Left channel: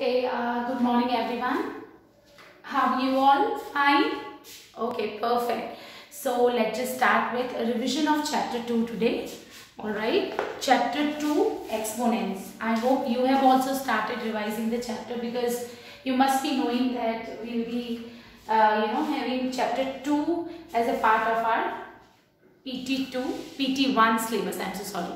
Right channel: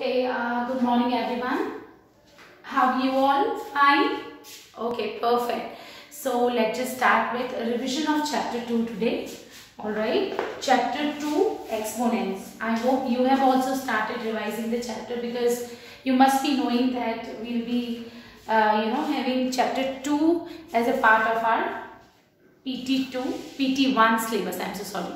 Okay, good morning everyone. Have you all fine? Okay, perfect. So let's just start with a revision of chapter 2 today. Alright, chapter 2 exponents. I hope you have also started revising the chapter because you must be knowing that we'll be having chapter 2 as a part of our PT1 syllabus. I'm so sorry.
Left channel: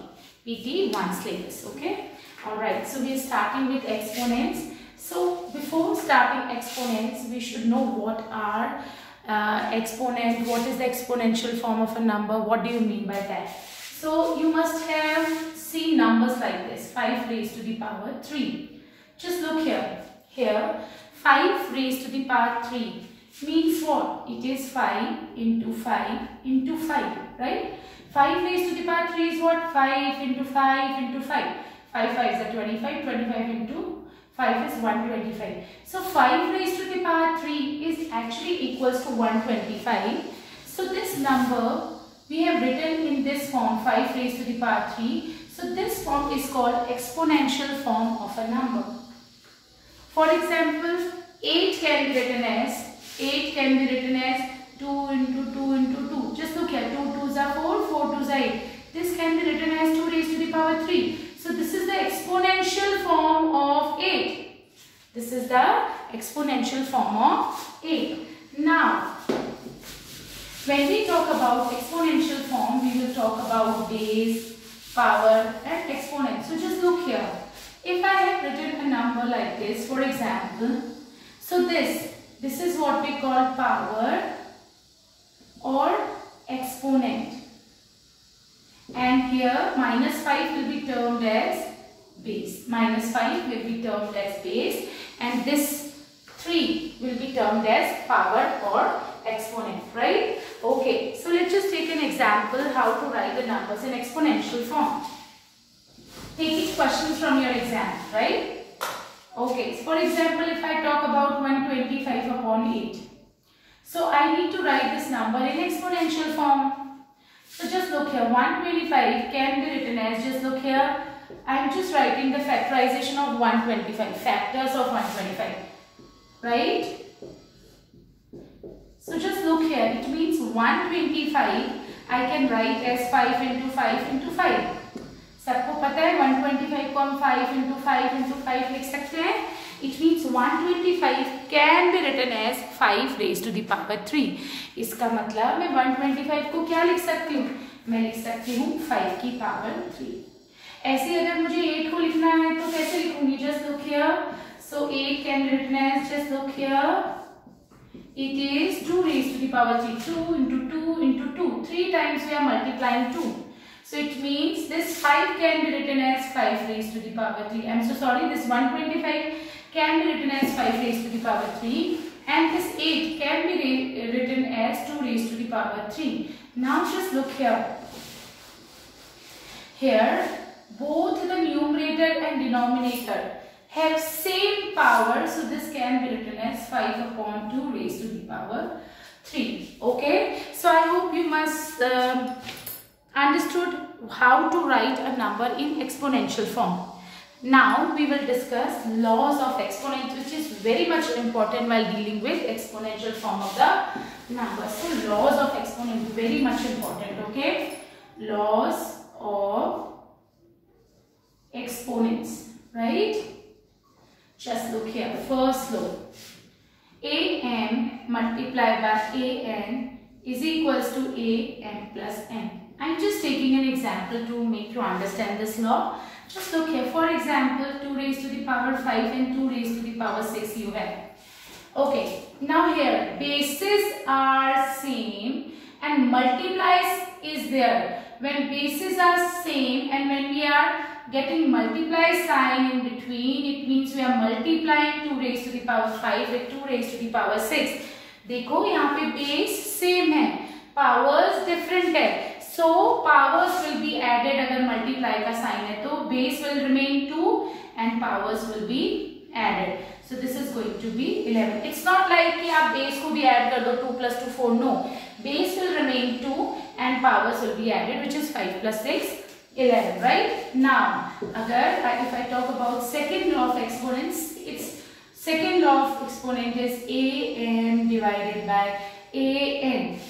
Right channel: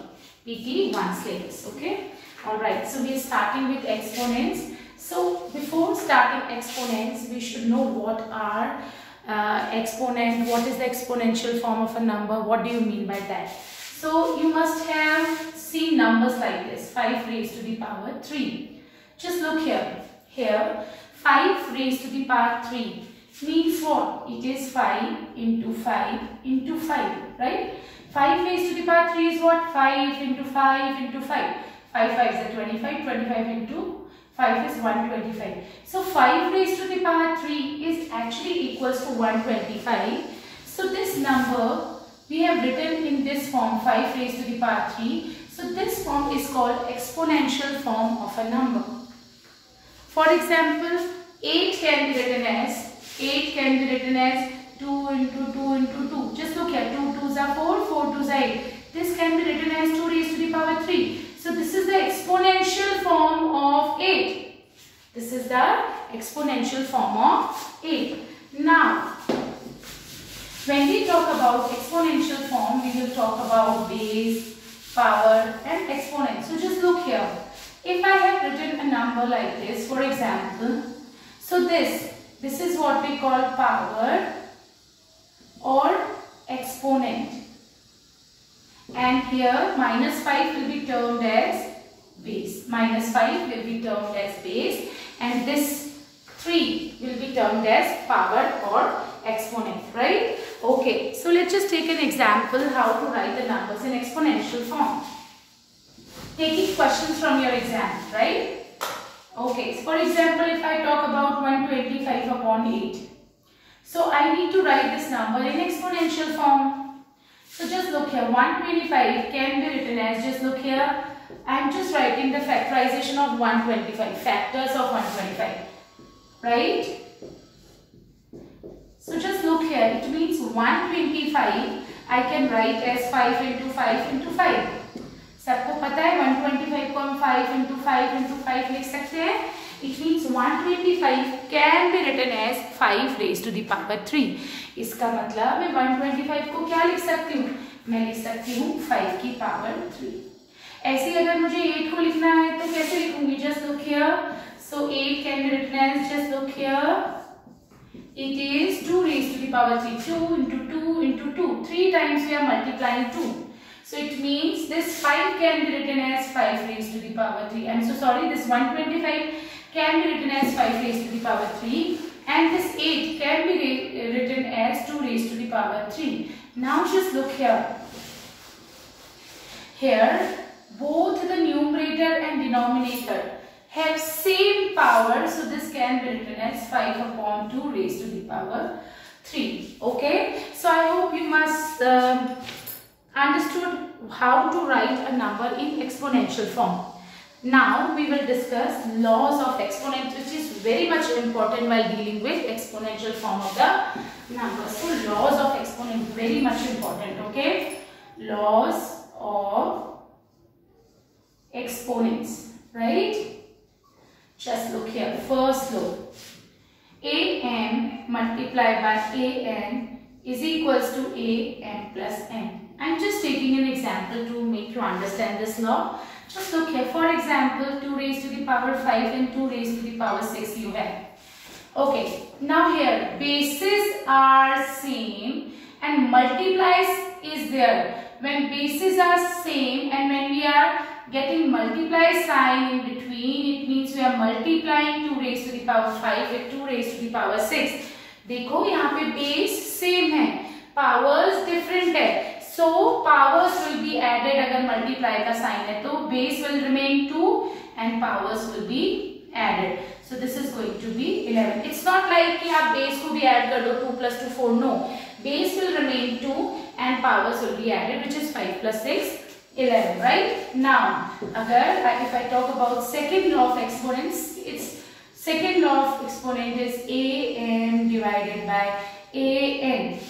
PT1 syllabus, okay? Alright, so we are starting with exponents. So before starting exponents, we should know what are exponent, what is the exponential form of a number, what do you mean by that? So you must have seen numbers like this, 5 raised to the power 3. Just look here. Here, 5 raised to the power 3 means what? It is 5 into 5 into 5, right? 5 raised to the power 3 is what? 5 into 5 into 5. 5 5 is 25, 25 into 5 is 125. So 5 raised to the power 3 is actually equals to 125. So this number we have written in this form, 5 raised to the power 3. So this form is called exponential form of a number. For example, 8 can be written as 2 into 2 into 2. Just look here, 2 2s are 4, 4 2s are 8. This can be written as 2 raised to the power 3. So this is the exponential form of 8. This is the exponential form of 8. Now, when we talk about exponential form, we will talk about base, power and exponent. So just look here. If I have written a number like this, for example, so this is what we call power or exponent. And here minus 5 will be termed as base. Minus 5 will be termed as base. And this 3 will be termed as power or exponent, right? Okay, so let's just take an example how to write the numbers in exponential form. Taking questions from your exam, right? Okay, so for example, if I talk about 125 upon 8. So I need to write this number in exponential form. So just look here, 125 can be written as, just look here, I am just writing the factorization of 125, factors of 125, right? So just look here, it means 125 I can write as 5 into 5 into 5. सबको पता है 125 को हम 5 into 5 into 5 लिख सकते हैं. It means 125 can be written as 5 raised to the power 3. इसका मतलब मैं 125 को क्या लिख सकती हूँ? मैं लिख सकती हूँ 5 की पावर 3. ऐसे अगर मुझे 8 को लिखना है तो कैसे लिखूंगी? Just look here. So 8 can be written as, just look here. It is 2 raised to the power 3. 2 into 2 into 2. 3 times we are multiplying 2. So it means this 5 can be written as 5 raised to the power 3. I'm so sorry, this 125 can be written as 5 raised to the power 3. And this 8 can be written as 2 raised to the power 3. Now just look here. Here, both the numerator and denominator have same power. So this can be written as 5 upon 2 raised to the power 3. Okay. So I hope you must understood how to write a number in exponential form. Now we will discuss laws of exponents, which is very much important while dealing with exponential form of the number. So laws of exponent, very much important, okay? Laws of exponents, right? Just look here. First law, am multiplied by an is equals to am plus n. I'm just taking an example to make you understand this law. Just look here. For example, 2 raised to the power 5 and 2 raised to the power 6 you have. Okay. Now here, bases are same and multiplies is there. When bases are same and when we are getting multiply sign in between, it means we are multiplying 2 raised to the power 5 with 2 raised to the power 6. देखो यहाँ पे base same है, powers different है. So powers will be added अगर multiply का sign है तो base will remain 2 and powers will be added. So this is going to be 11. It's not like कि आप base को भी add कर दो 2 plus 2 4. No, base will remain 2 and powers will be added, which is 5 plus 6 11, right? Now, if I talk about second law of exponents, it's exponent is an divided by an.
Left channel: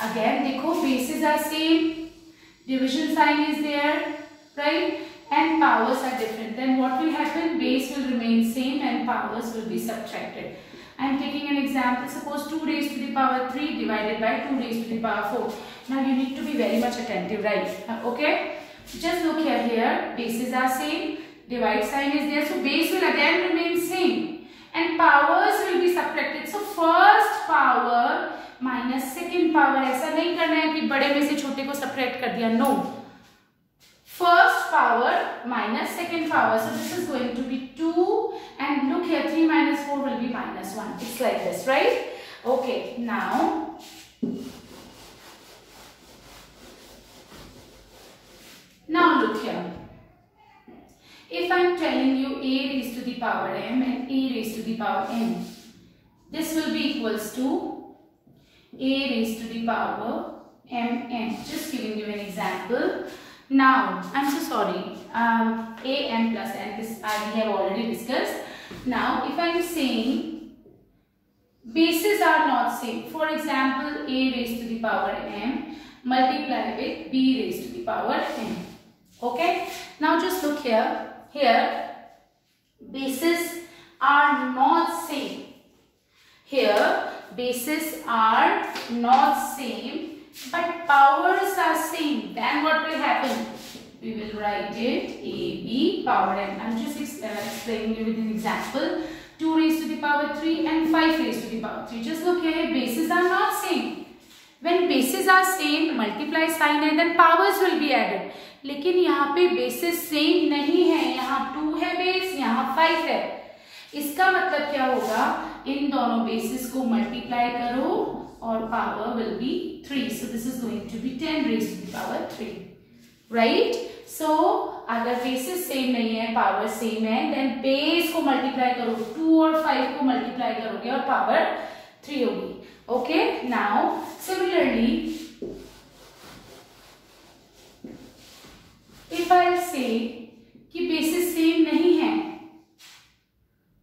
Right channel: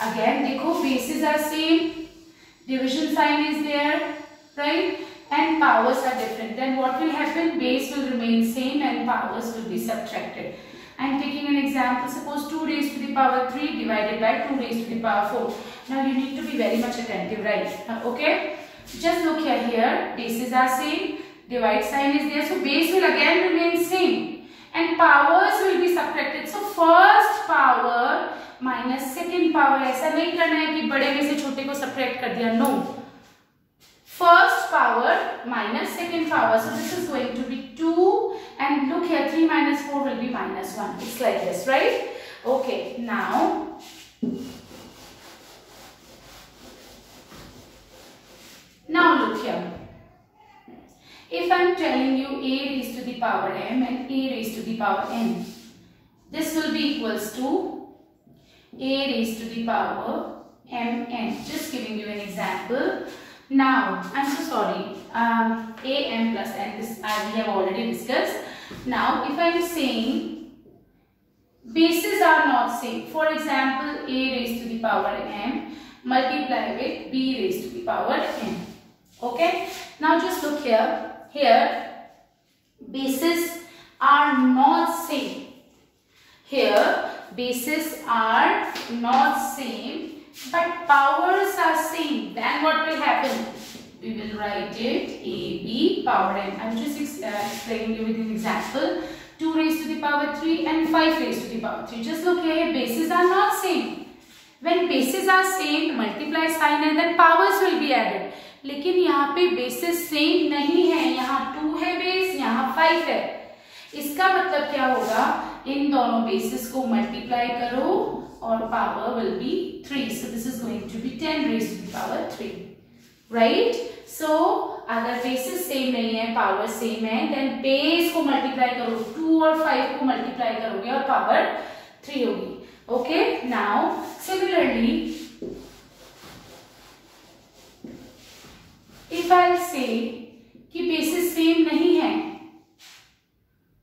Again, देखो bases are same, division sign is there, right? And powers are different. Then what will happen? Base will remain same and powers will be subtracted. I am taking an example. Suppose 2 raised to the power 3 divided by 2 raised to the power 4. Now you need to be very much attentive, right? Okay. Just look here. Bases are same. Divide sign is there. So base will again remain same. And powers will be subtracted. So first power minus second power. ऐसा नहीं करना है कि बड़े में से छोटे को subtract कर दिया. No. First power minus second power. So this is going to be 2. And look here, 3 minus 4 will be minus 1. It's like this, right? Okay. Now, look here. If I am telling you a raised to the power m and a raised to the power n, this will be equals to a raised to the power mn. Just giving you an example. Now, I'm so sorry, a m plus n, this we have already discussed. Now, if I am saying bases are not same, for example, a raised to the power m multiply with b raised to the power n. Okay? Now, just look here. Here, bases are not same. Here, bases are not same, but powers are same. Then what will happen? We will write it a b power n. I'm just explaining you with an example. 2 raised to the power 3 and 5 raised to the power 3. Just look here, bases are not same. When bases are same, multiply sign and then powers will be added. लेकिन यहाँ पे bases same नहीं है. यहाँ 2 है base, यहाँ 5 है. इसका मतलब क्या होगा? इन दोनों bases को multiply करो और power will be 3. So this is going to be 10 raised to the power 3. Right? So अगर bases same नहीं है, power same है, then base को multiply करो, 2 और 5 को multiply करोगे और power 3 होगी. Okay? Now, similarly, if I say कि bases same नहीं है,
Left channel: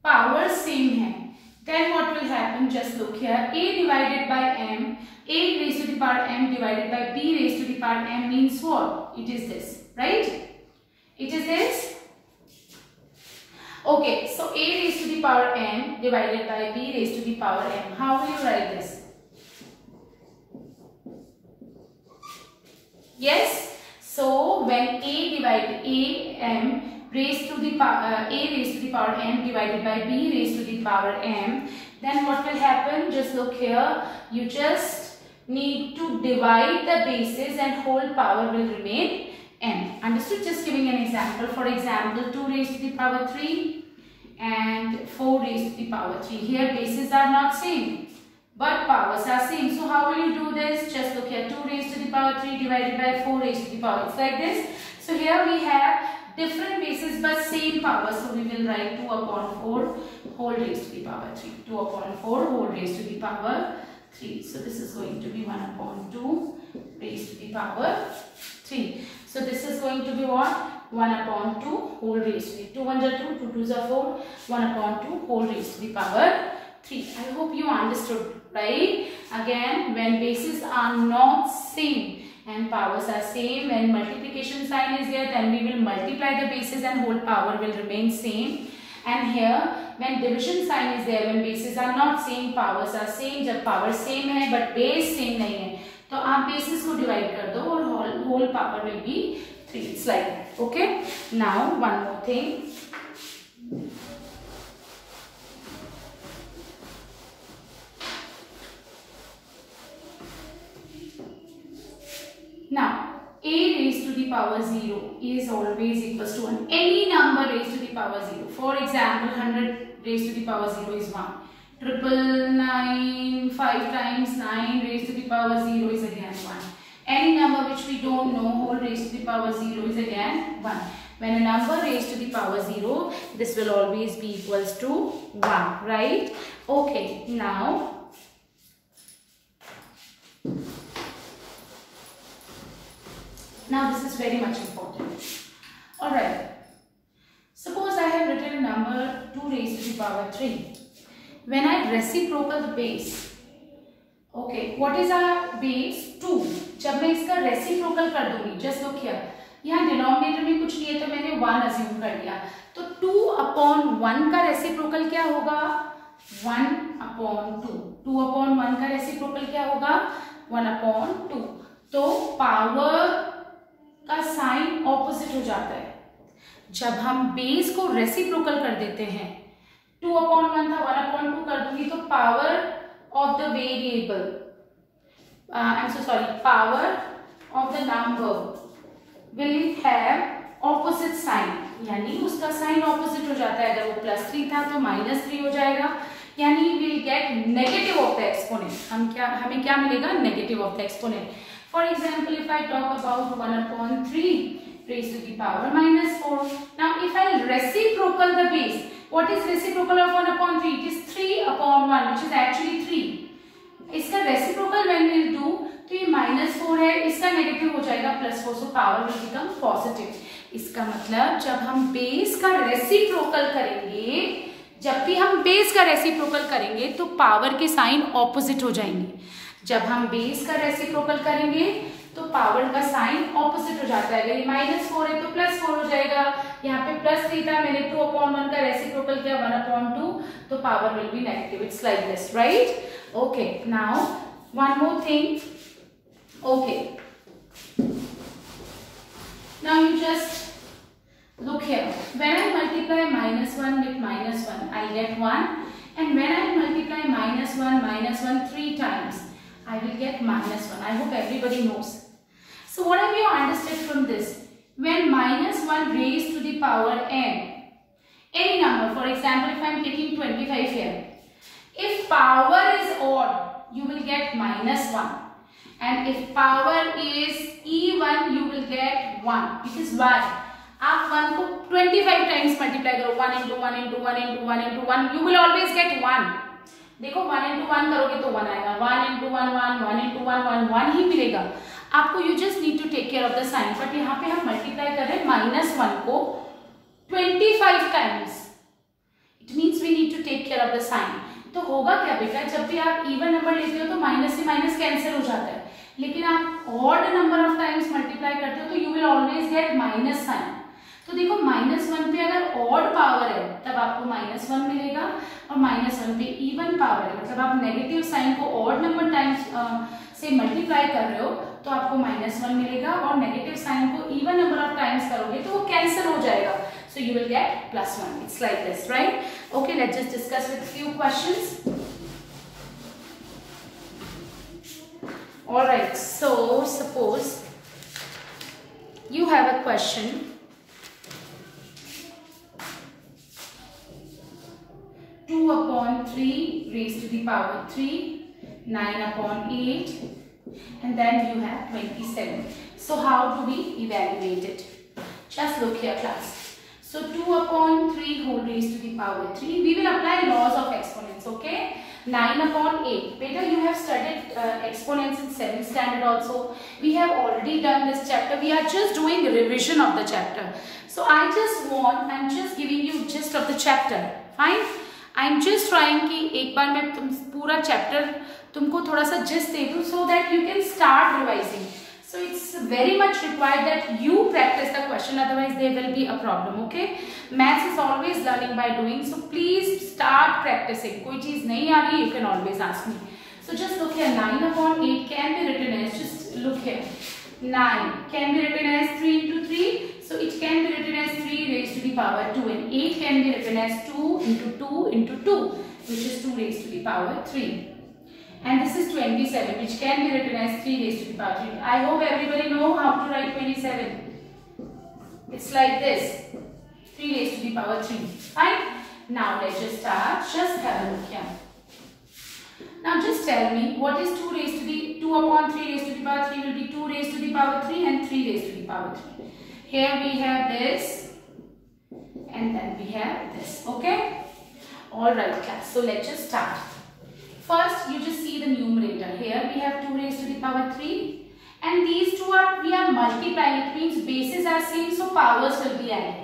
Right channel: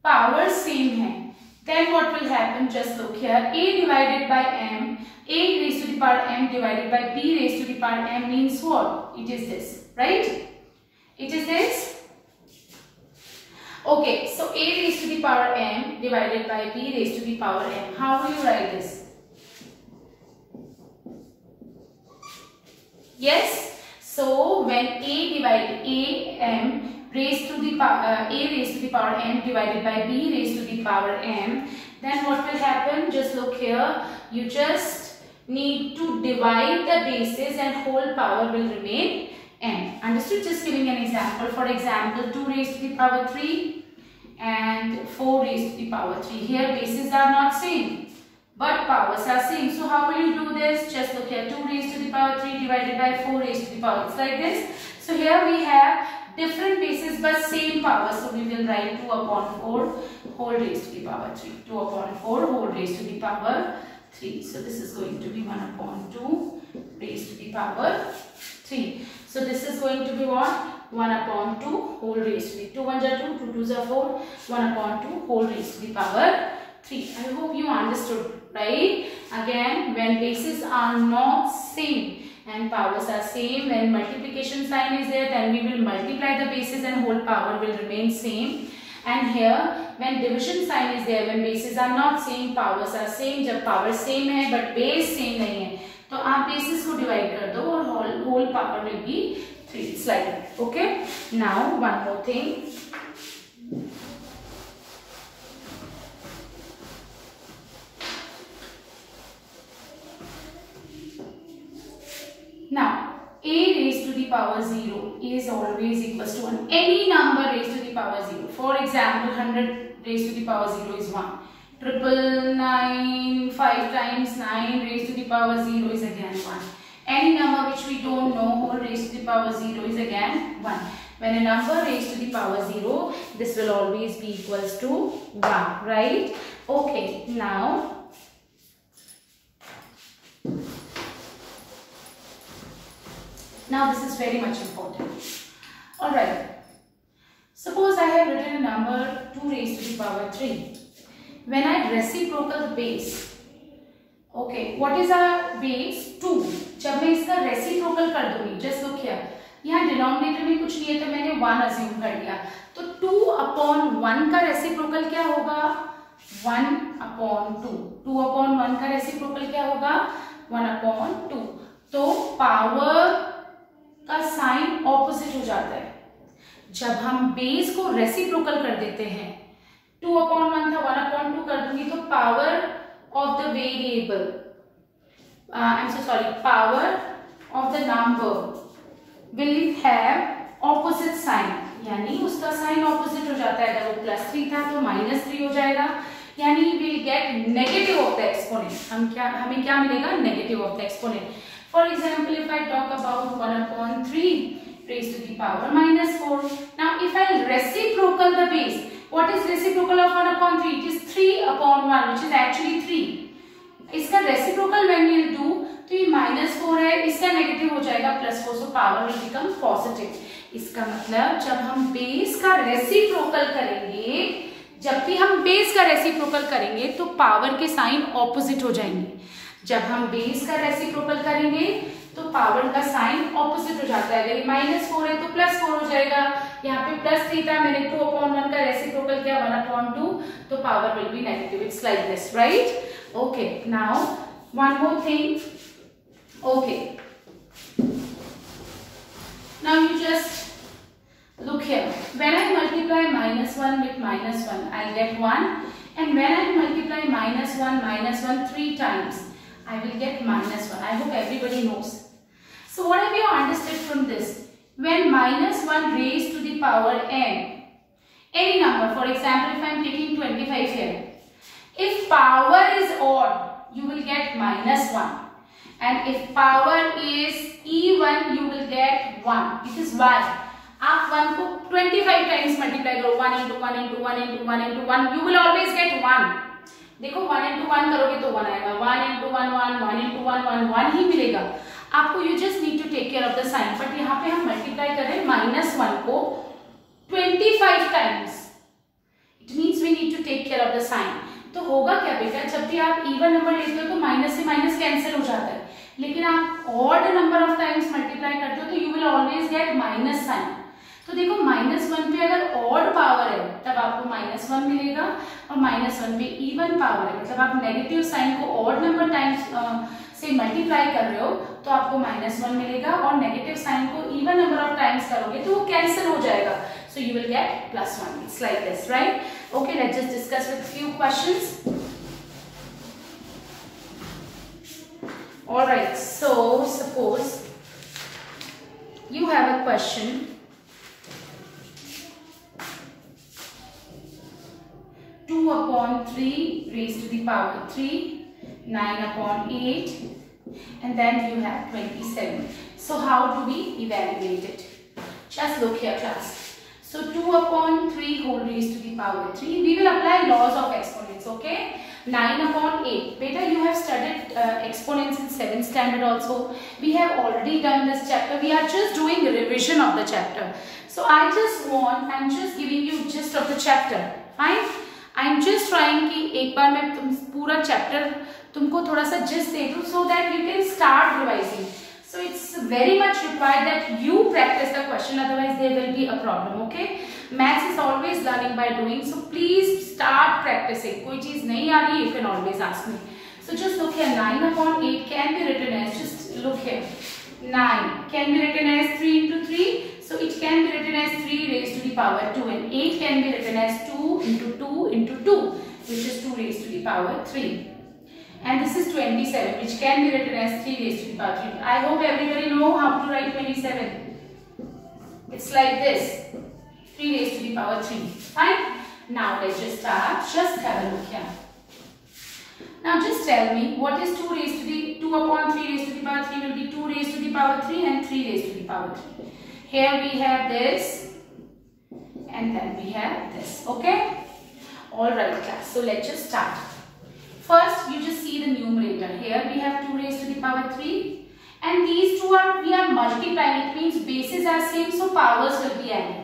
power same है, then what will happen? Just look here. A divided by m, a raised to the power m divided by b raised to the power m means what? It is this, right? It is this. Okay, so a raised to the power m divided by b raised to the power m. How will you write this? Yes. So when a divided a m raised to the power a raised to the power m divided by b raised to the power m, then what will happen? Just look here. You just need to divide the bases and whole power will remain m. Understood? Just giving an example. For example, 2 raised to the power 3 and 4 raised to the power 3. Here bases are not same, but powers are same. So how will you do this? Just look here. 2 raised to the power 3 divided by 4 raised to the power. It's like this. So here we have different bases but same power. So we will write 2 upon 4 whole raised to the power 3. 2 upon 4 whole raised to the power 3. So this is going to be 1 upon 2 raised to the power 3. So this is going to be what? 1 upon 2 whole raised to the 2 1s are 2, 2 2s are 4, 1 upon 2 whole raised to the power 3. I hope you understood, right? Again, when bases are not same and powers are same, when multiplication sign is there, then we will multiply the bases and whole power will remain same. And here, when division sign is there, when bases are not same, powers are same. जब power same है but base same नहीं है, तो आप bases को divide कर दो और whole power will be 3. It's like that. Okay. Now one more thing. Now, a raised to the power 0 is always equals to 1. Any number raised to the power 0. For example, 100 raised to the power 0 is 1. 999, 5 times 9 raised to the power 0 is again 1. Any number which we don't know, whole raised to the power 0 is again 1. When a number raised to the power 0, this will always be equals to 1, right? Okay, now this is very much important. Alright, suppose I have written a number 2 raised to the power 3. when I reciprocal the base, okay, what is our base? 2. जब मैं इसका reciprocal कर दूंगी, just look here, यहाँ denominator में कुछ नहीं है तो मैंने 1 अज्यूम कर लिया, तो 2/1 का रेसिप्रोकल क्या होगा? 1/2. 2/1 का रेसिप्रोकल क्या होगा? 1/2. तो पावर का साइन ऑपोजिट हो जाता है जब हम बेस को रेसिप्रोकल कर देते हैं. 2/1 था, 1/2 कर दूंगी तो power of the variable, I am so sorry, power of the number will have opposite sign, यानी उसका साइन ऑपोजिट हो जाता है. अगर वो +3 था तो -3 हो जाएगा, यानी we'll get negative of the exponent. हमें क्या मिलेगा? Negative of the exponent. For example, if I talk about 1/3 raised to the power -4. Now, if I reciprocal the base, what is reciprocal of 1/3? It is 3/1, which is actually 3. इसका reciprocal when we'll do, तो ये -4 है, इसका negative हो जाएगा +4, so power will become positive. इसका मतलब जब हम बेस का रेसिप्रोकल करेंगे, जब भी हम बेस का रेसिप्रोकल करेंगे तो पावर के साइन ऑपोजिट हो जाएंगे. जब हम बेस का रेसिप्रोकल करेंगे तो पावर का साइन ऑपोजिट हो जाता है. अगर ये -4 है तो +4 हो जाएगा. यहाँ पे +3 था, मैंने 2/1 का रेसिप्रोकल किया 1/2, तो power will be negative. It's like this, right? Okay, now one more thing. Okay, now you just look here. When I multiply -1 with -1, I'll get 1, and when I multiply -1 3 times, I will get -1. I hope everybody knows. So what have you understood from this? When -1 raised to the power n, any number, for example, if I am taking 25 here, if power is odd, you will get -1, and if power is even, you will get 1. Because why? आप 1 को 25 times multiply करो, 1 into 1 into 1 into 1 into 1, you will always get 1. देखो 1 into 1 करोगे तो 1 आएगा, 1 into 1 1, 1 into 1 1, 1 ही मिलेगा आपको. You just need to take care of the sign. But यहाँ पे हम मल्टीप्लाई कर रहे हैं -1 को 25 times. It means we need to take care of the sign. तो होगा क्या बेटा, जब भी आप इवन नंबर लेते हो तो माइनस से माइनस कैंसिल हो जाता है, लेकिन आप odd number of times multiply करते हो तो you will always get minus sign. तो देखो -1 पे अगर ऑड पावर है तब आपको -1 मिलेगा, और -1 पे इवन पावर है मतलब आप नेगेटिव साइन को ऑड नंबर टाइम्स से मल्टीप्लाई कर रहे हो तो आपको -1 मिलेगा, और नेगेटिव साइन को इवन नंबर ऑफ टाइम्स करोगे तो वो कैंसिल हो जाएगा, so you will get +1. It's like this, right? Okay, let's just discuss with few questions. All right, so suppose you have a question. 2/3 raised to the power 3, 9/8, and then you have 27. So how do we evaluate it? Just look here, class. So 2/3 whole raised to the power 3. We will apply laws of exponents, okay? 9/8. Beta, you have studied exponents in 7th standard also. We have already done this chapter. We are just doing revision of the chapter. So I'm just giving you gist of the chapter. Fine? I'm just trying कि एक बार मैं पूरा chapter तुमको थोड़ा सा gist दे दूँ so that you can start revising. So it's very much required that you practice the question, otherwise there will be a problem, okay? Maths is always learning by doing, so please start practicing. कोई चीज नहीं आ रही, you can always ask me. So just look here, 9/8 can be written as, just look here, 9 can be written as 3 into 3, so it can be written as 3 raised to the power 2, and 8 can be written as 2 into 2 into 2, which is 2 raised to the power 3. And this is 27, which can be written as 3 raised to the power 3. I hope everybody know how to write 27. It's like this, 3 raised to the power 3. Fine? Now let's just start. Just have a look here. Now just tell me, what is 2 raised to the 2/3 raised to the power 3 will be 2 raised to the power 3 and 3 raised to the power 3. Here we have this, and then we have this. Okay? All right, class. So let's just start. First, you just see the numerator. Here we have 2 raised to the power 3, and these two we are multiplying. It means bases are same, so powers will be added.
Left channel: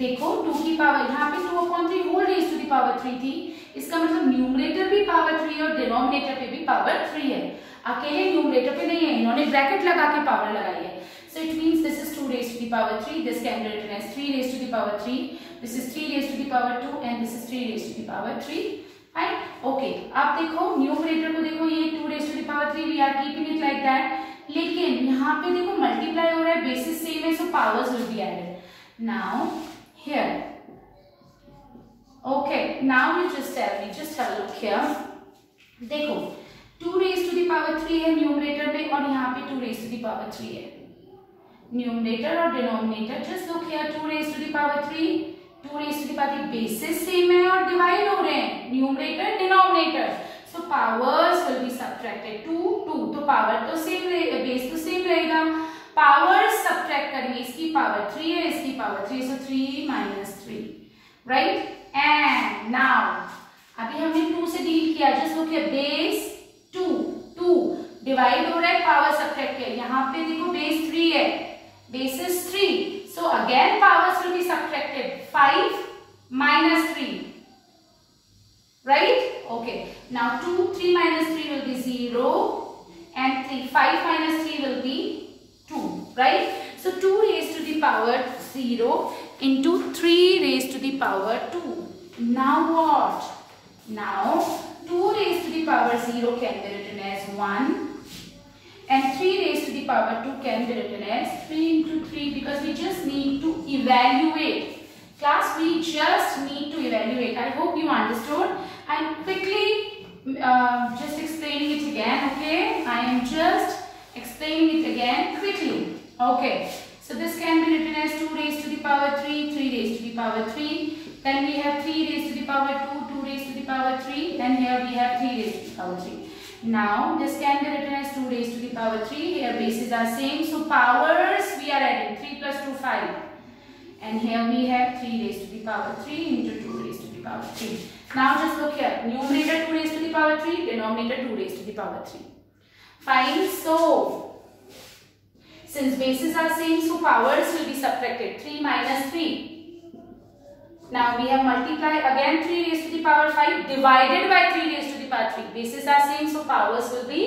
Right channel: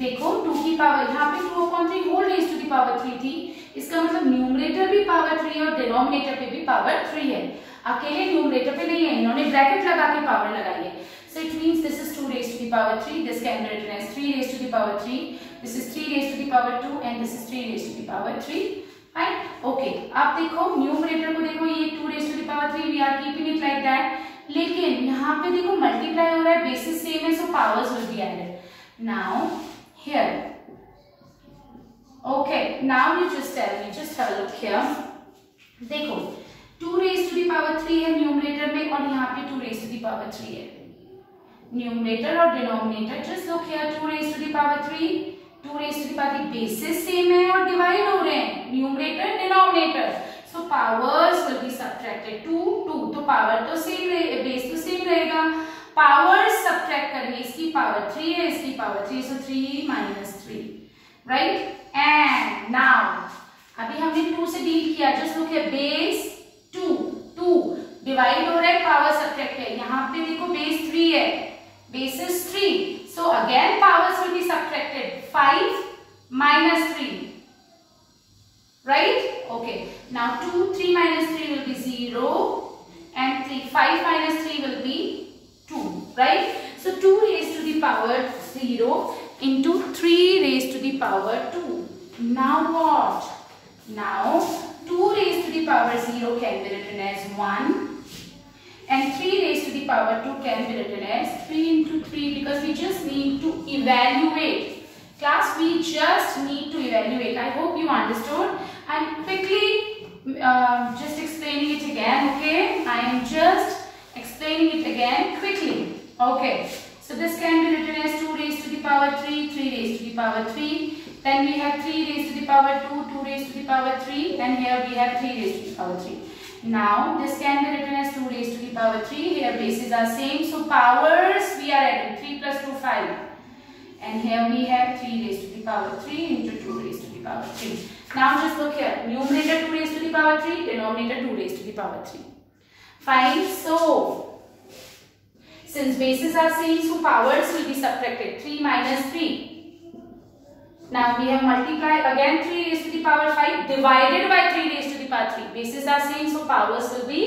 देखो 2 की power यहाँ पे 2/3 whole raised to the power power 3 थी, इसका मतलब numerator भी power 3 है और डिनोमिनेटर पे भी पावर 3 है, अकेले न्यूमरेटर पे नहीं है, इन्होंने ब्रैकेट लगा के पावर लगाई है. So it means this is 2 raised to the power 3, this can be written as 3 raised to the power 3, this is 3 raised to the power 2 and this is 3 raised to the power 3. Fine. Okay. अब देखो numerator को देखो, ये 2 raised to the power 3, we are keeping it like that. लेकिन यहाँ पे देखो multiply हो रहा है, बेसिस सेम है, so powers will be added. Now here. Okay. Now you just tell me, just have a look here. देखो 2 raised to the power 3 है न्यूमरेटर में और यहाँ पे 2 raised to the power 3 है. न्यूमरेटर और denominator, just look here, 2 raised to the power 3, 2 raised to the power 3, basis same है और डिवाइड हो रहे हैं, numerator denominator, so powers will B subtracted. 2 2 तो पावर तो सेम रहेगा, बेस तो सेम रहेगा, पावर्स सबट्रैक्ट करेंगे, इसकी पावर 3 है, इसकी power 3, so 3 minus 3, right. And now अभी हमने 2 से डील किया, just look here, base 2 2 divide हो रहा है, पावर सबट्रैक्ट है, यहाँ पे देखो बेस 3 है, base is 3, so again powers will be subtracted. 5 minus 3, right? Okay, now 2 3 minus 3 will be 0 and 3 5 minus 3 will be 2, right? So 2 raised to the power 0 into 3 raised to the power 2. Now what? Now 2 raised to the power 0 can be written as 1 and 3 raised to the power 2 can be written as 3 into 3, because we just need to evaluate. Class, we just need to evaluate. I hope you understood. I'm quickly just explaining it again, okay? I am just explaining it again quickly. Okay. So this can be written as 2 raised to the power 3, 3 raised to the power 3. Then we have 3 raised to the power 2, 2 raised to the power 3. Then here we have 3 raised to the power 3. Now this can be written as 2 raised to the power 3. Here bases are same, so powers we are adding 3 plus 2 5, and here we have 3 raised to the power 3 into 2 raised to the power 3. Now just look here, numerator 2 raised to the power 3, denominator 2 raised to the power 3. Fine. So since bases are same, so powers will be subtracted. 3 minus 3. Now we have multiply again, 3 raised to the power 5 divided by 3 raised to the power 3. Bases are same, so powers will be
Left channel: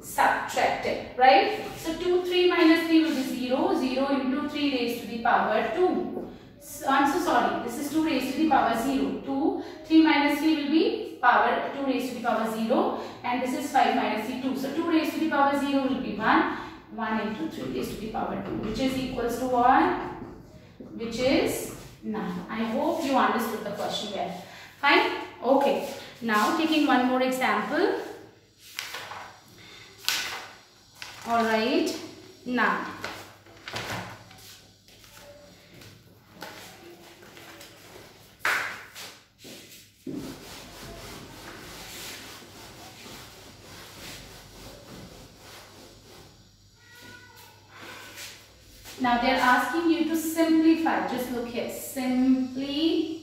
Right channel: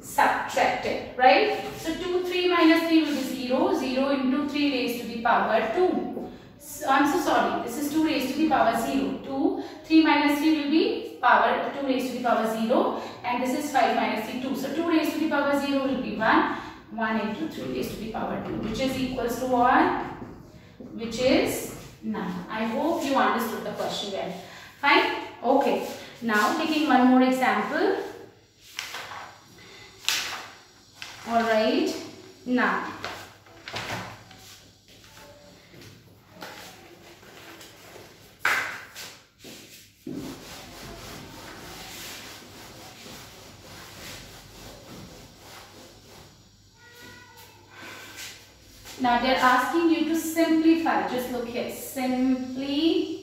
subtracted, right? So 2 3 minus 3 will be 0. 0 into 3 raised to the power 2. So, I'm so sorry. This is 2 raised to the power 0. 2 3 minus 3 will be power 2 raised to the power 0, and this is 5 minus 3 2. So 2 raised to the power 0 will be 1. 1 into 3 raised to the power 2, which is equals to 1, which is 9. I hope you understood the question well. Fine. Okay. Now taking one more example. All right. Now they are asking you to simplify. Just look here. Simplify.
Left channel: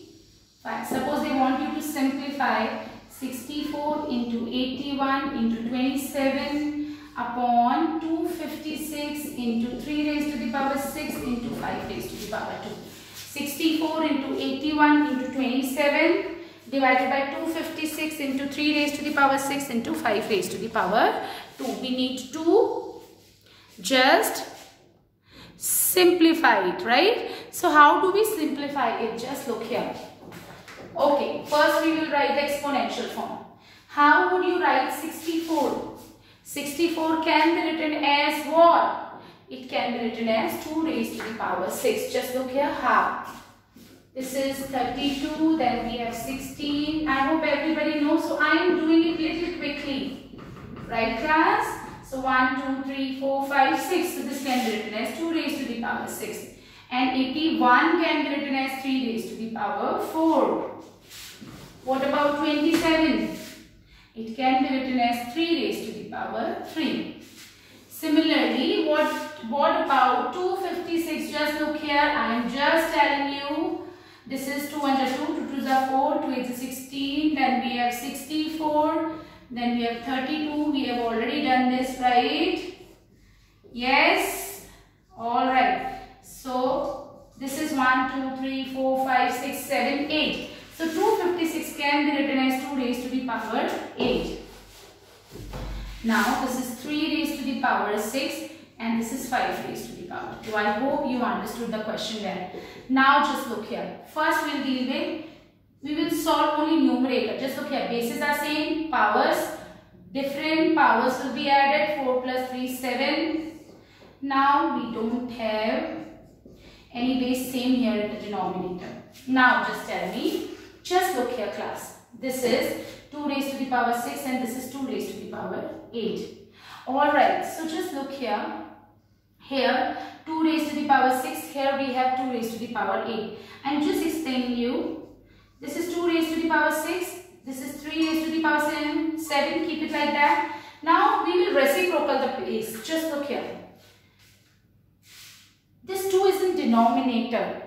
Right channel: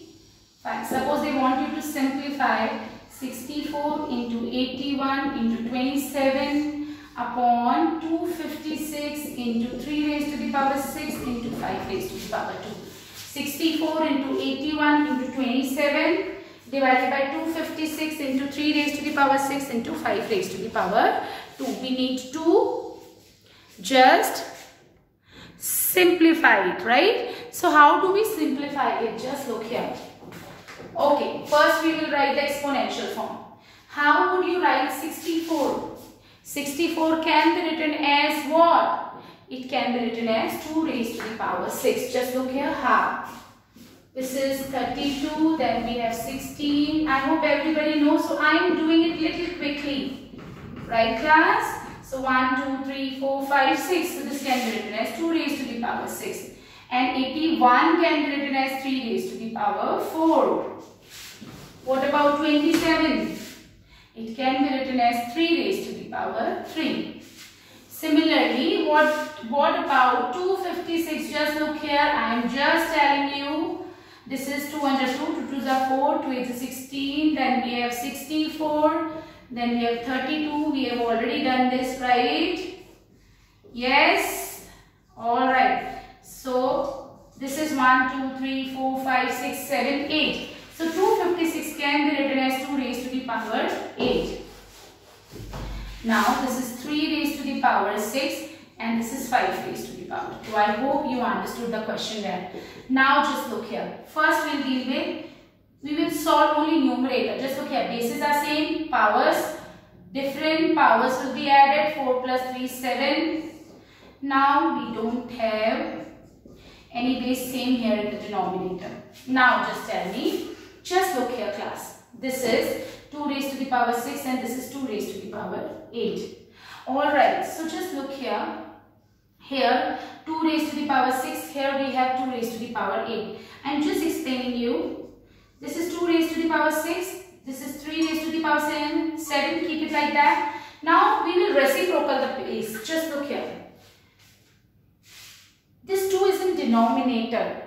Suppose they want you to simplify 64 into 81 into 27 upon 256 into 3 raised to the power 6 into 5 raised to the power 2. 64 into 81 into 27 divided by 256 into 3 raised to the power 6 into 5 raised to the power 2. We need to just simplify it, right? So how do we simplify it? Just look here. Okay, first we will write the exponential form. How would you write 64? 64 can be written as what? It can be written as 2 raised to the power 6. Just look here, how? This is 32, then we have 16. I hope everybody knows, so I am doing it little quickly. Right, class? So 1, 2, 3, 4, 5, 6. So this can be written as 2 raised to the power 6. And 81 can be written as 3 raised to the power 4. What about 27? It can be written as 3 raised to the power 3. Similarly, what about 256? Just look here. I am just telling you. This is 2 under 2. 2 2s are 4. 2 8s are 16. Then we have 64. Then we have 32. We have already done this, right? Yes. All right. So this is 1, 2, 3, 4, 5, 6, 7, 8. So 256 power 8. Now this is 3 raised to the power 6 and this is 5 raised to the power 2. I hope you understood the question there. Now just look here. First we'll deal with, we will solve only numerator. Just look here, bases are same, powers different, powers will be added. 4 plus 3 7. Now we don't have any base same here in the denominator. Now just tell me, just look here class. This is 2 raised to the power 6 and this is 2 raised to the power 8. Alright, so just look here. Here 2 raised to the power 6, here we have 2 raised to the power 8. I'm just explaining you. This is 2 raised to the power 6, this is 3 raised to the power 7, keep it like that. Now we will reciprocal the base. Just look here. This 2 is in denominator.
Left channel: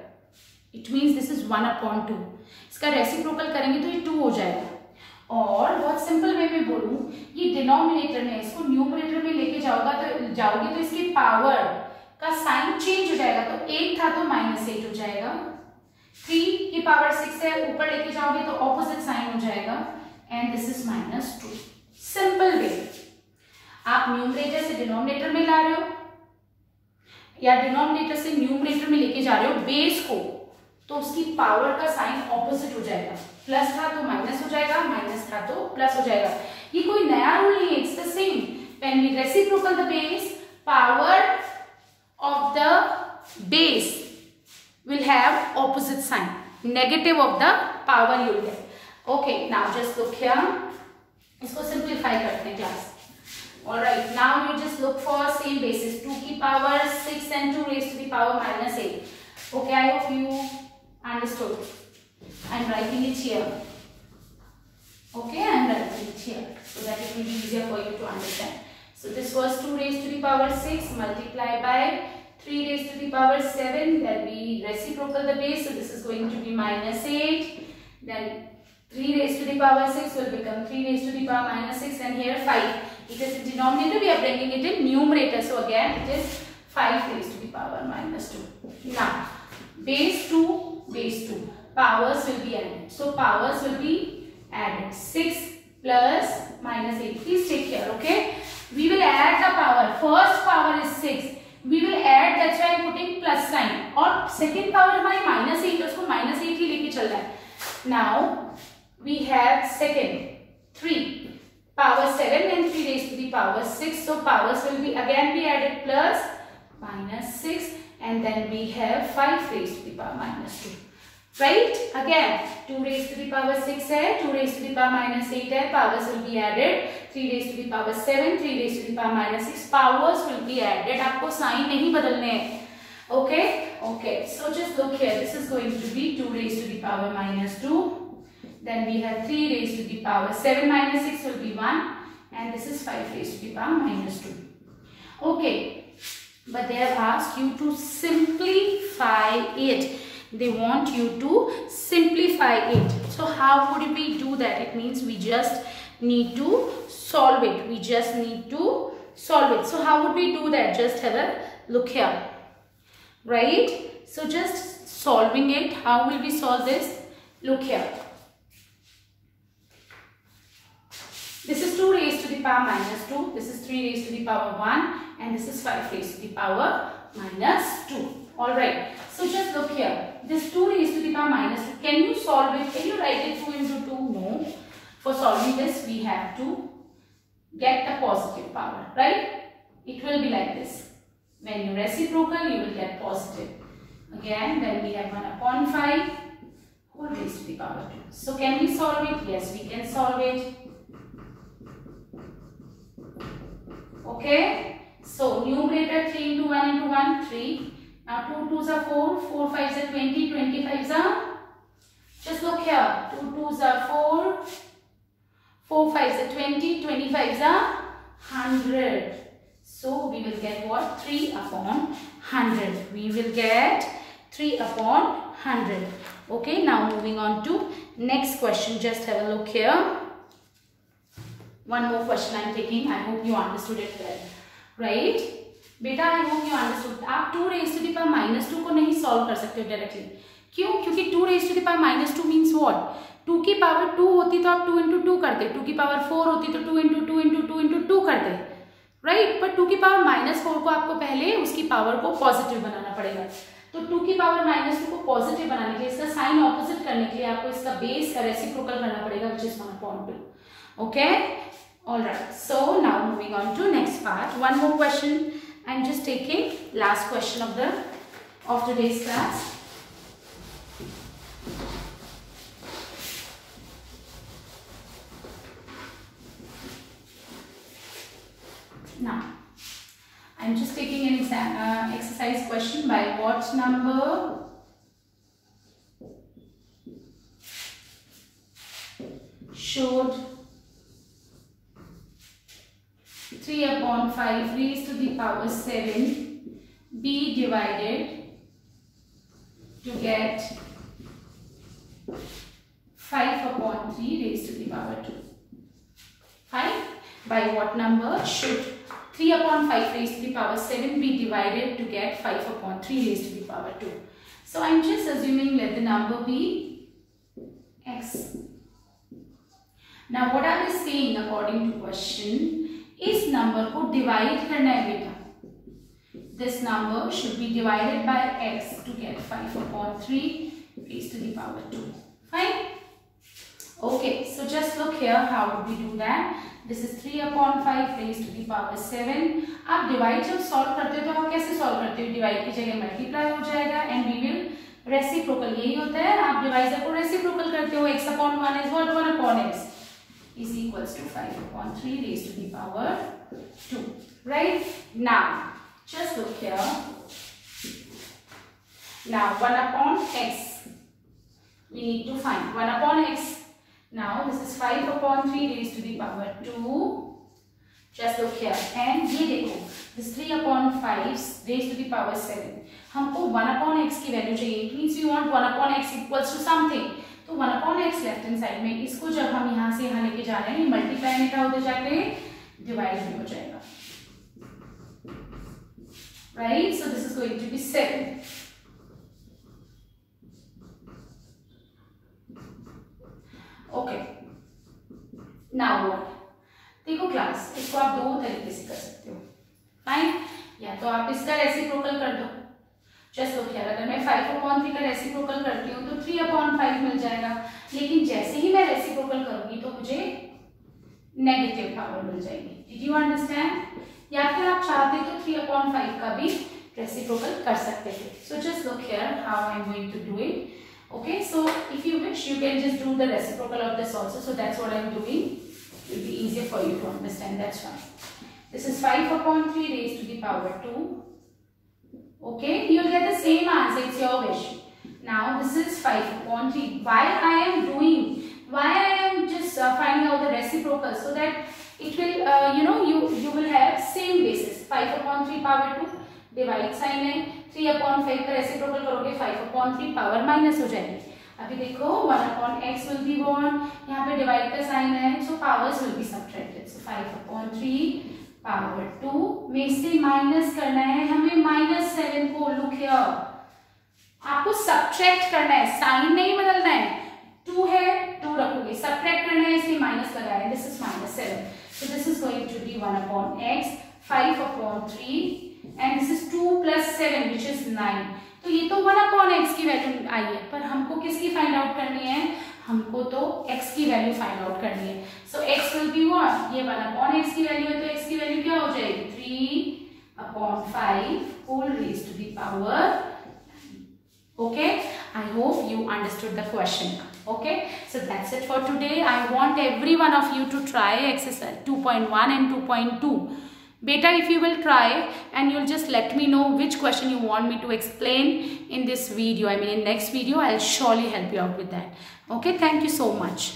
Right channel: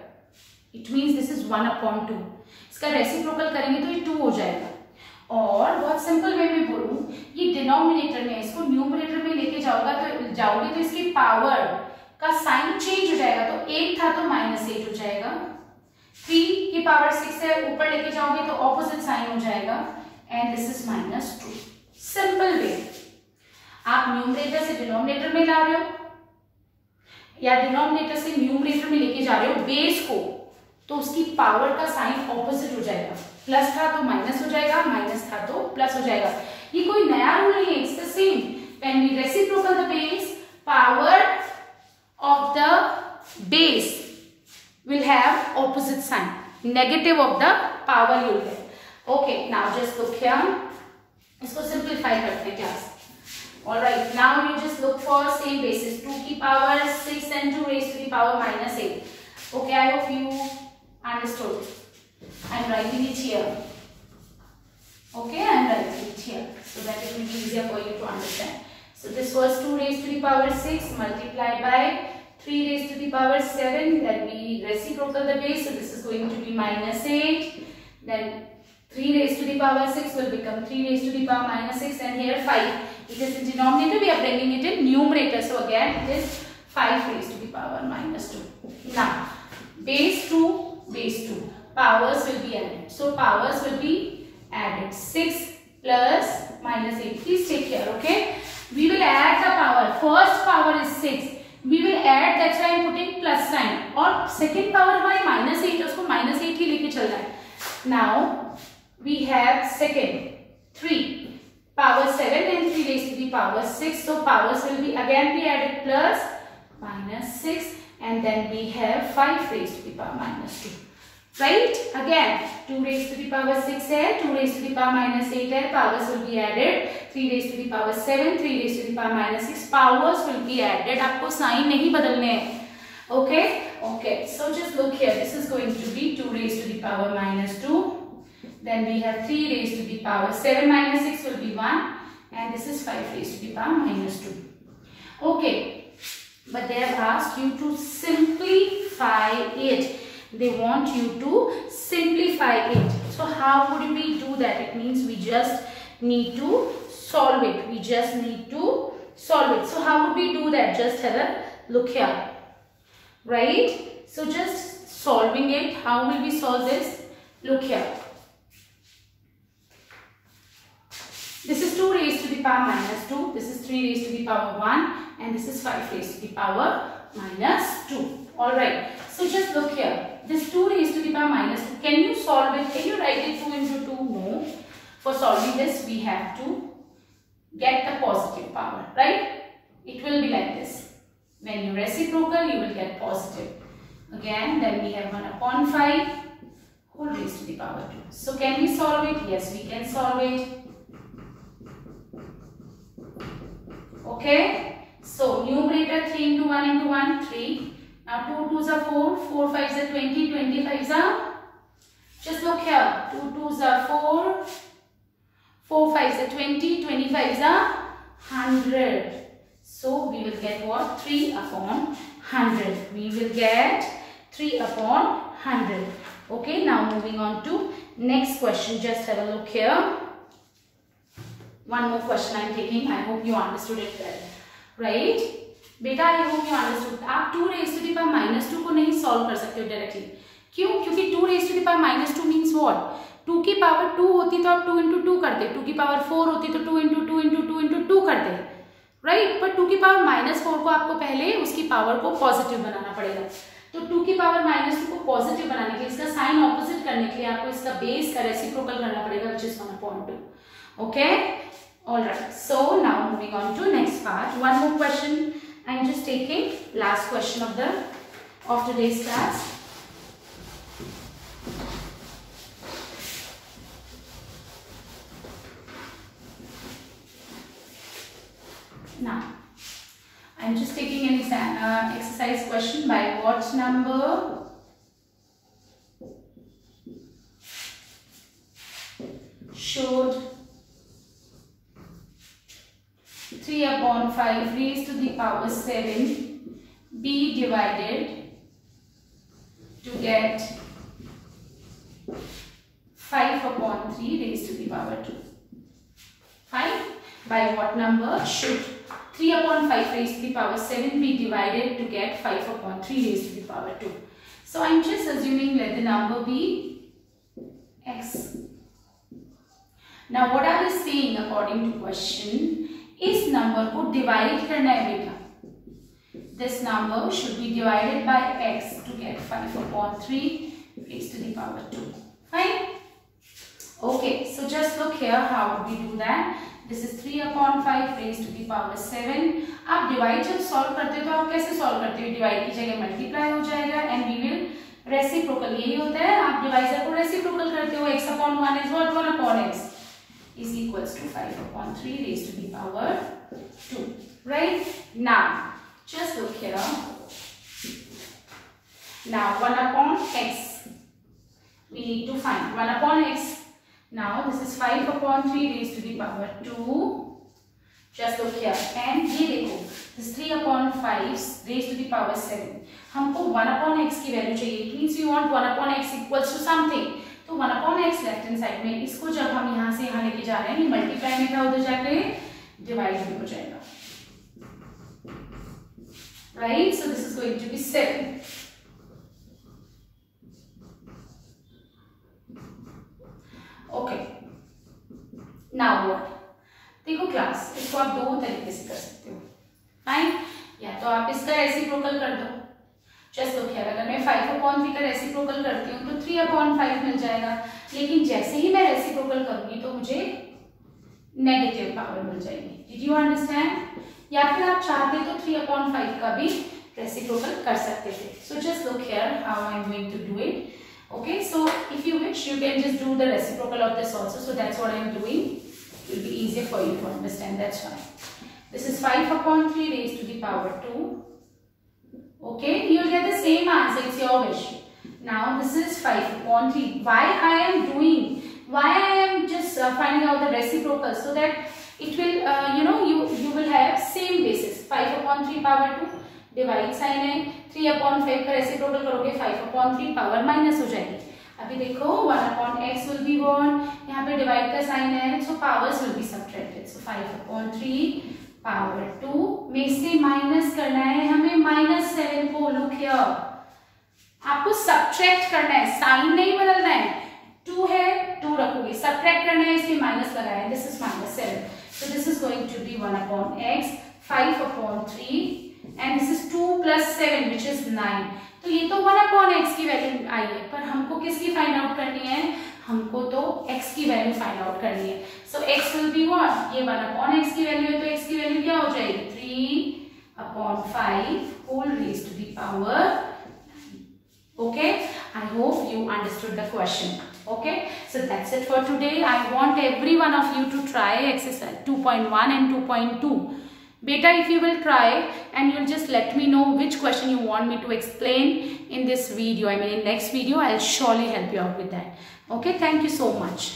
It means this is 1 upon 2. इसका reciprocal करेंगे तो ये 2 हो जाएगा. और बहुत simple way में बोलूं, ये डिनोमिनेटर में, इसको न्यूमरेटर में लेके जाओगे तो इसकी पावर का साइन चेंज हो जाएगा. तो 8 था तो -8 हो जाएगा. 3 की पावर 6 है, ऊपर लेके जाओगे तो ऑपोजिट साइन हो जाएगा. And this is -2. Simple way. आप न्यूमरेटर से डिनोमिनेटर में ला रहे हो या डिनोमिनेटर से न्यूमरेटर में लेके जा रहे हो बेस को, तो उसकी पावर का साइन ऑपोजिट हो जाएगा. प्लस था तो माइनस हो जाएगा, माइनस था तो प्लस हो जाएगा. ये कोई नया रूल नहीं है, it's the same. When we reciprocal the base, power of the base will have opposite sign. Negative of the power you will get. Okay, now just look here. इसको simplify करते हैं class. Alright, now you just look for same basis. 2 की power 6 and 2 raised to the power -8. Okay, I hope you understood. I'm writing it here. Okay, I'm writing it here so that it will be easier for you to understand. So this was 2 raised to the power 6 multiplied by 3 raised to the power 7, then we reciprocal the base, so this is going to be -8, then 3 raised to the power 6 will become 3 raised to the power -6, and here 5. It is in denominator, we are bringing it in numerator, so again it is 5 raised to the power -2. Now, base 2, powers will be added. So powers will be added. 6 plus -8. Please take care, okay? We will add the power. First power is 6. We will add, that's why I am putting plus sign. और second power हमारी -8, उसको -8 ही लेके चल रहा है. Now we have second 3 power 7 and 3 raised to the power 6. So powers will be again be added plus -6 and then we have 5 raised to the power -2. Right? Again 2 raised to the power 6 है, 2 raised to the power -8 है. Powers will be added. 3 raised to the power 7, 3 raised to the power -6. Powers will be added. आपको sign नहीं बदलने हैं. Okay? Okay. So just look here. This is going to be 2 raised to the power -2. Then we have 3 raised to the power 7 -6 will be 1. And this is 5 raised to the power -2. Okay. But they have asked you to simplify it. They want you to simplify it. So how would we do that? It means we just need to solve it. We just need to solve it. So how would we do that? Just have a look here. Right? So just solving it. How will we solve this? Look here. This is 2 raised to the power -2. This is 3 raised to the power 1. And this is 5 raised to the power -2. Alright. So just look here. This 2 raised to the power -2. Can you solve it? Can you write it 2 into 2? No. For solving this, we have to get the positive power, right? It will be like this. When you reciprocal, you will get positive. Again, then we have 1 upon 5 whole raised to the power 2. So can we solve it? Yes, we can solve it. Okay. So numerator 3 into 1 into 1, 3. Now 2 2s are 4, 4 5s are 20, 25s are, just look here, 2 2s are 4, 4 5s are 20, 25s are 100. So we will get what? 3 upon 100. We will get 3 upon 100. Okay, now moving on to next question. Just have a look here. One more question I am taking. I hope you understood it well. Right? बेटा I hope you understood. आप 2 raised to the power -2 को नहीं solve कर सकते हो directly. क्यों? क्योंकि 2 raised to the power -2 means what? 2 की पावर 2 होती तो आप 2 इंटू 2 करते, 2 की पावर 4 होती तो 2 इंटू 2 इंटू 2 इंटू 2 करते, राइट। पर 2 की पावर -4 को आपको पहले उसकी पावर को पॉजिटिव बनाना पड़ेगा। तो 2 की पावर -2 को पॉजिटिव बनाने के लिए, इसका साइन ऑपोजिट करने के लिए आपको इसका बेस का रेसिप्रोकल करना पड़ेगा, which is 1/2. Okay, all right. So now moving on to next part. One more question. I'm just taking last question of today's class. Now, I'm just taking an exercise question. By what number should 3/5 raised to the power 7 be divided to get 5/3 raised to the power 2? Fine. By what number should 3/5 raised to the power 7 be divided to get 5/3 raised to the power 2? So I'm just assuming let the number be x. Now what are we saying according to question? इस number को divide करना है बेटा। This number should be divided by x to get 5/3 raised to the power 2. Fine. Okay, so just look here. How would we do that? This is 3/5 raised to the power 7. आप divide जब solve करते हो तो आप कैसे solve करते हो? Divide की जगह मल्टीप्लाई हो जाएगा एंड वी विल रेसिप्रोकल, यही होता है। आप डिवाइजर को रेसिप्रोकल करते हो, x/1 is what? 1/x is equals to 5/3 raised to the power 2. Right? Now, just look here. Now, 1/x. We need to find 1/x. Now, this is 5/3 raised to the power 2. Just look here. And ये देखो, this 3/5 raised to the power 7. हमको 1/x की value चाहिए. It means we want 1/x equals to something. तो 1/x left hand side में, इसको जब हम यहाँ से यहाँ लेके जा रहे हैं, मल्टीप्लाई में क्या उधर जाके डिवाइड भी हो जाएगा, right. So this is going to be 7. Okay, now what? देखो क्लास, इसको आप दो तरीके से कर सकते हो। फाइन, या तो आप इसका रेसिप्रोकल कर दो। जस्ट लुक हियर, अगर मैं 5/3 का रेसिप्रोकल करती हूँ तो 3/5 मिल जाएगा, लेकिन जैसे ही मैं रेसिप्रोकल करूंगी तो मुझे नेगेटिव पावर मिल जाएगी। Did you understand? या फिर आप चाहते तो 3/5 का भी रेसिप्रोकल कर सकते थे। So just look here how I am going to do it. Okay, so if you wish, you can just do the reciprocal of this also. So that's what I am doing. It will be easier for you to understand. That's fine. This is 5/3 raised to the power 2. Okay, you will get the same answer. It's your wish. Now this is 5/3. Why I am just finding out the reciprocal, so that it will you will have same basis. 5/3 power 2 divide sign है, 3/5 का reciprocal करोगे 5/3 power minus हो जाएगी। अभी देखो 1/x will be 1, यहाँ पे divide का साइन है, so powers will be subtracted. So 5/3 power 2 में से माइनस करना है हमें -7 को। लुक हियर, आपको सब्ट्रैक्ट करना है, साइन नहीं बदलना है। 2 है, 2 रखोगे, सब्ट्रैक्ट करना है इसलिए माइनस लगाया, this is -7। So this is going to be 1/x 5/3 and this is 2 plus 7 which is 9. तो ये तो 1/x की वैल्यू आई है, पर हमको किसकी फाइंड आउट करनी है? हमको तो x की वैल्यू फाइंड आउट करनी है। सो x विल बी व्हाट? ये 1/x की वैल्यू है तो x की वैल्यू क्या हो जाएगी? 3/5 whole raised to the power 9. Okay, I hope you understood the question. Okay, so that's it for today. I want every one of you to try exercise 2.1 and 2.2. Beta, if you will try and you'll just let me know which question you want me to explain in this video. I mean in next video, I'll surely help you out with that. Okay, thank you so much.